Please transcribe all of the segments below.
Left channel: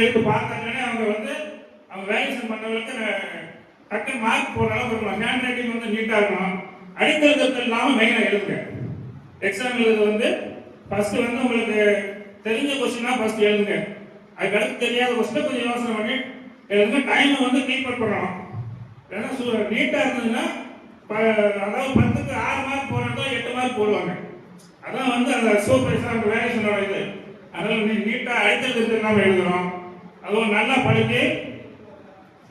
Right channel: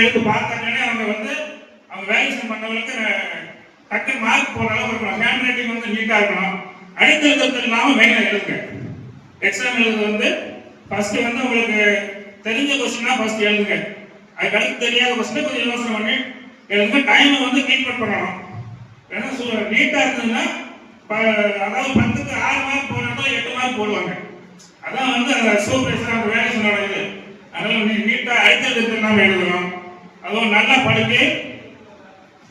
எடுத்து பார்த்தாங்கன்னா அவங்க வேல்யூஷன் பண்ணவங்களுக்கு டக்கு மார்க் போடுற அளவுக்கு இருக்கணும். ஹேண்ட் ரைட்டிங் நீட்டாக இருக்கணும். அடித்தல் இல்லாமல் மெயினாக எழுதுங்க. எக்ஸாம் எழுதுறது ஃபர்ஸ்ட் உங்களுக்கு தெரிஞ்ச கொஸ்டினா ஃபர்ஸ்ட் எழுதுங்க. அதுக்கு தெரியாத கொஸ்டினை கொஞ்சம் யோசனை பண்ணி எழுதுங்க. டைமை கீப் பண்ணணும். ஏன்னா நீட்டாக இருந்ததுன்னா அதாவது 10க்கு 6 மார்க் போடுறதோ 8 மார்க் போடுவாங்க. அதான் அந்த சூப்பர் வேல்யூஷனோட இது. அதனால நீட்டாக அடித்தல் இல்லாமல் எழுதணும். அதுவும் நல்லா படிக்க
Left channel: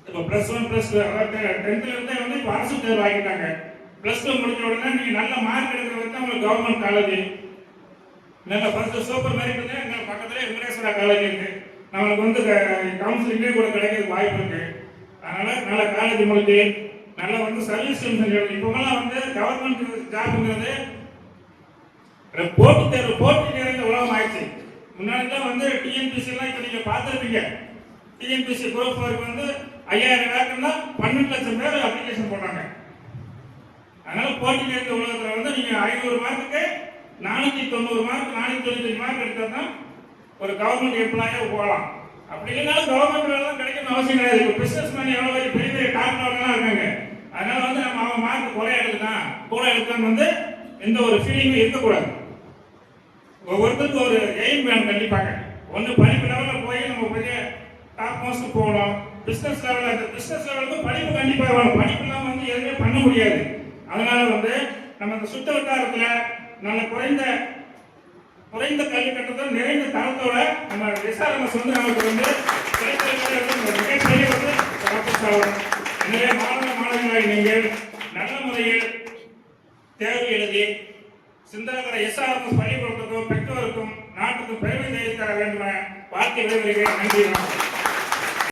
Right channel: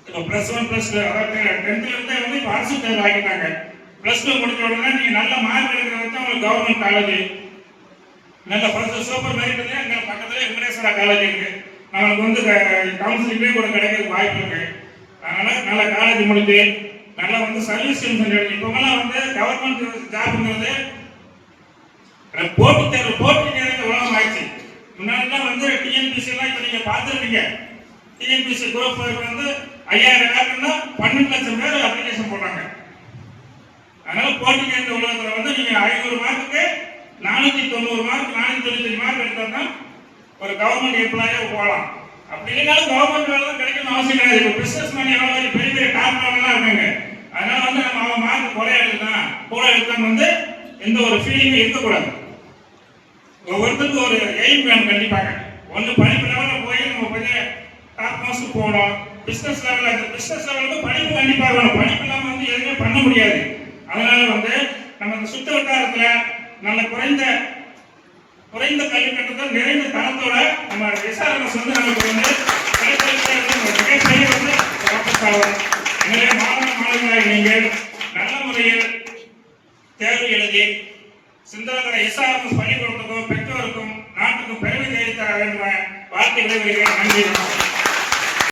இப்போ +1 +2 அதாவது 10th இருந்தே இப்போ அரசு தேர்வு ஆகிட்டாங்க. +2 முடிஞ்ச உடனே நீங்கள் நல்ல மார்க் எடுக்கிறது உங்களுக்கு கவர்மெண்ட் காலேஜ் நல்ல ஃபர்ஸ்ட் சூப்பர் மெரிட்ல எங்க பக்கத்துல வெங்கடேஸ்வரா காலேஜ் இருக்கு. நமக்கு கவுன்சிலிங்லேயே கூட கிடைக்கிறதுக்கு வாய்ப்பு இருக்கு. அதனால நல்ல காலேஜ் முடிச்சு நல்லா சர்வீஸ் செஞ்சு இப்போலாம் கவர்மெண்ட் ஜாப்ங்கிறது போட்டி தேர்வு உலகம் ஆயிடுச்சு. முன்னாடிலாம் டிஎன்பிசி எல்லாம் இப்போ நீங்க பார்த்துருப்பீங்க. டிஎன்பிசி குரூப் 5000 வேக்கன்னா 12 லட்சம் பேர் அப்ளிகேஷன் போடுறாங்க. அதனால போட்டி தேர்வு உலகத்தில் நீங்க 500 மார்க்குக்கு 490 மார்க் 495 மார்க் எடுத்தா ஒரு கவர்மெண்ட் எம்ப்ளாயா போகலாம். அப்படி இல்லைனாலும் கவர்மெண்ட் வேலை தான் கிடைக்கணும் அவசியம் கிடையாது. இப்போ பிசினஸ் மேன் எவ்வளோ பெரிய பெரிய டாப்லாம் இருக்காங்க. அதனால நம்ம அவன் மார்க் குறைய எடுத்தான் கூட எடுத்தான்னு எந்த ஒரு ஃபீலிங்கும் இருக்கக்கூடாது. ஒவ்வொருத்தருக்கும் ஒரு எய்ம் வேணும். கண்டிப்பாக ஒன்று படிப்பு லெவலில் போய் நம்ம கொஞ்சம் டாப் மோஸ்ட் போகணும். பிசினஸ் லெவலுக்கு படிப்பு கண்டிப்பாக வேணும். படிப்பு இல்லாமல் எதுவுமே பண்ண முடியாது. அதனால நம்ம இந்த சுத்த வட்டாரத்தில் நல்ல குறைந்த கல்வி கட்டத்தில் நிறைந்த தரத்தோட நம்ம எஸ்ஆர்எம்எஸ் நமக்கு மிகப்பெரிய எனவே மாணவர்களாக நீங்கள் நல்ல முறையில் தேர்வு எழுதி சிந்தனை எஸ்ஆர்எம்எஸ் பள்ளிக்கூடத்துக்கும் பெற்றோருக்கும் நாட்டுக்கும் பெருமை தெரிவித்த என்ற வார்த்தை விளைவுகிறேன். நன்றி.